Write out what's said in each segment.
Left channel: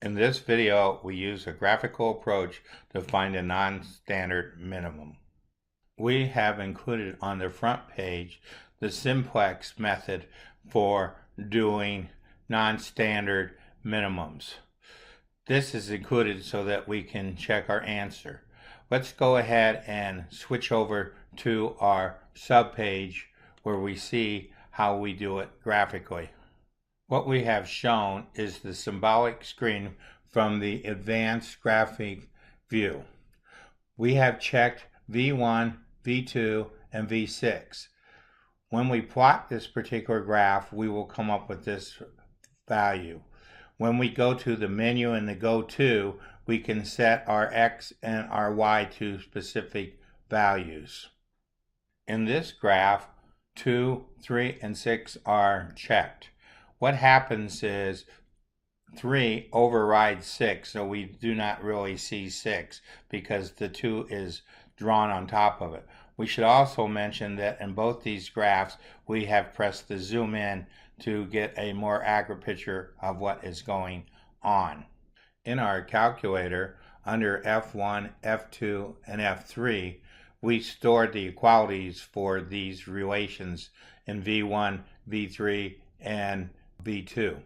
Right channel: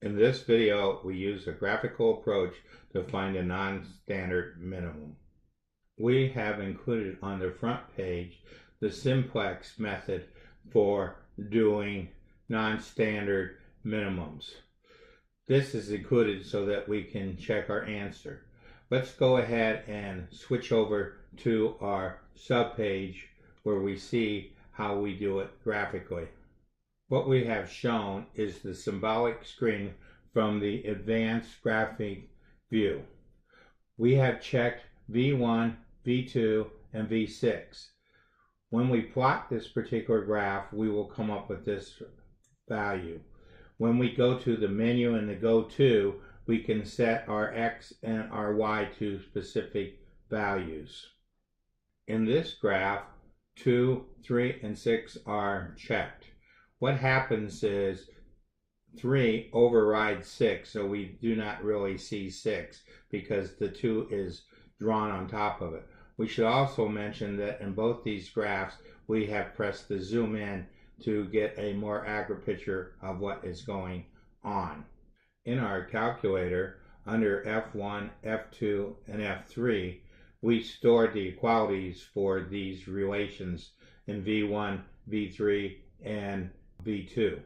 In this video, we use a graphical approach to find a non-standard minimum. We have included on the front page the simplex method for doing non-standard minimums. This is included so that we can check our answer. Let's go ahead and switch over to our subpage where we see how we do it graphically. What we have shown is the symbolic screen from the advanced graphic view. We have checked V1, V2, and V6. When we plot this particular graph, we will come up with this value. When we go to the menu and the go to, we can set our X and our Y to specific values. In this graph, 2, 3, and 6 are checked. What happens is 3 overrides 6, so we do not really see 6 because the 2 is drawn on top of it. We should also mention that in both these graphs, we have pressed the zoom in to get a more accurate picture of what is going on. In our calculator, under F1, F2, and F3, we stored the equalities for these relations in V1, V3, and V2.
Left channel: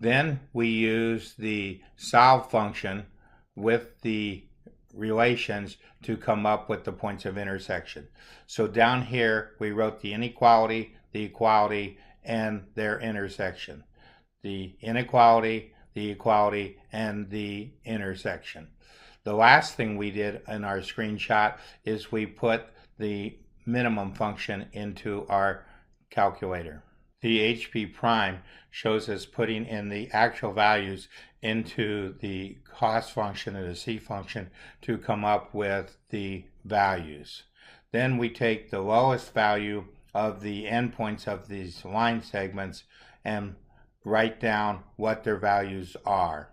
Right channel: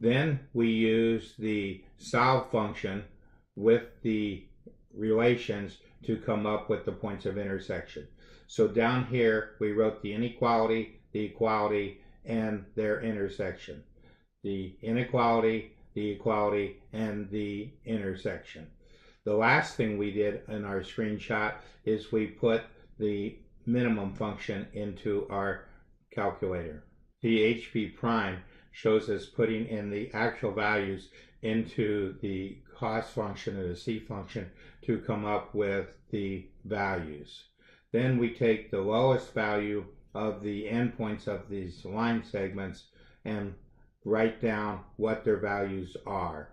Then we use the solve function with the relations to come up with the points of intersection. So down here we wrote the inequality, the equality, and their intersection. The inequality, the equality, and the intersection. The last thing we did in our screenshot is we put the minimum function into our calculator. The HP prime shows us putting in the actual values into the cost function and the C function to come up with the values. Then we take the lowest value of the endpoints of these line segments and write down what their values are.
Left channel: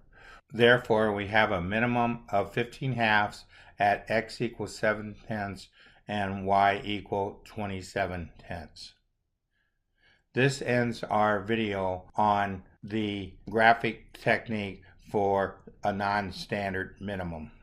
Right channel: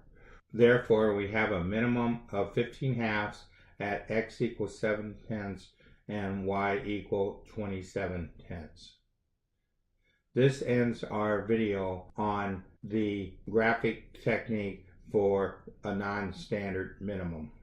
Therefore, we have a minimum of 15 halves at X equals 7/10 and Y equal 27/10. This ends our video on the graphic technique for a non-standard minimum.